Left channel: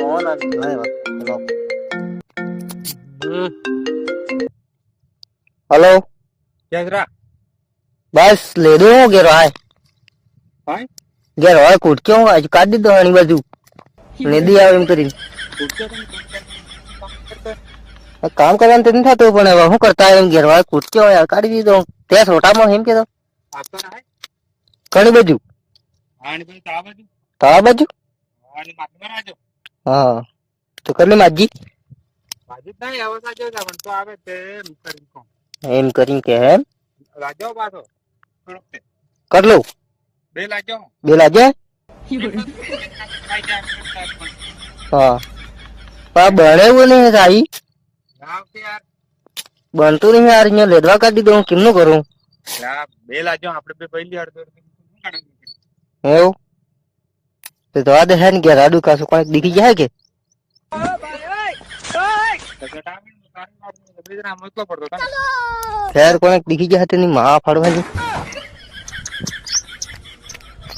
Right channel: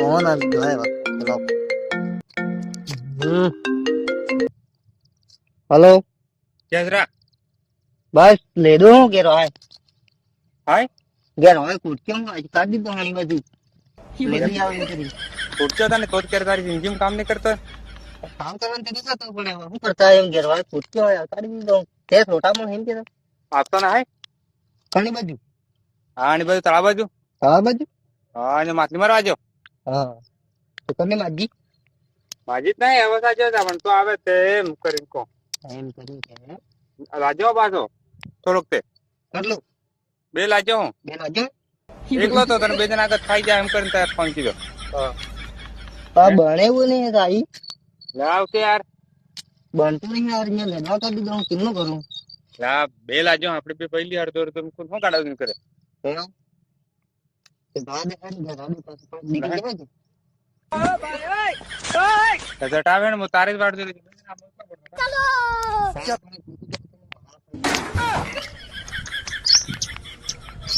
phone આવી ગયો હે ચલો हेलो जजरा बस ले दो गेरो हाय हाय गेरो हाय कूट क्यों आज काट दी दो हनी बाजू ले दी आवे एम करी उठ्યો તને તો જ તારી જિંદગીમાં કામ નહીં કરતો काम करवाने तो नहीं था तो पण हूं करता है एम गेरो हाय कूट क्यों यार काट दी दो ते छोटा में एम के तो આપતો ને હાય घणी बाजू હા આની બાજુ તળા બાજુ तारा बाजू હા અને માછલી મારવા આજો हाँ तो कर ले माजी માજી જ નહીં હવે સાજો પણ તો આવે તે એમ કરીને કહો एम करी के है લાજો પાછો થોડોક તે कर लो બે લાજો હું बेला जे એકલો તો તને બે જણા આગળ ખાઈ જાય એમ કરીને તાર ફોન કીધો हाँ पर बने हुए नहीं है साई લાવ કે યાર बनतो नहीं यार ये लेदवा काट दी दो किन्नो करूं લા બે લાજો આપણે બે પહેલી અડધો અડધો શું કાઢાવું કરે એવું तो दवा दे है ने गेराडू का सो कोई दिखी जाए के જટાવે ને હું તારી જ વાટ જોઈ બે જણા મોકલો પડતો खैर कोई दिखी जाए तो नहीं मां फाड़वा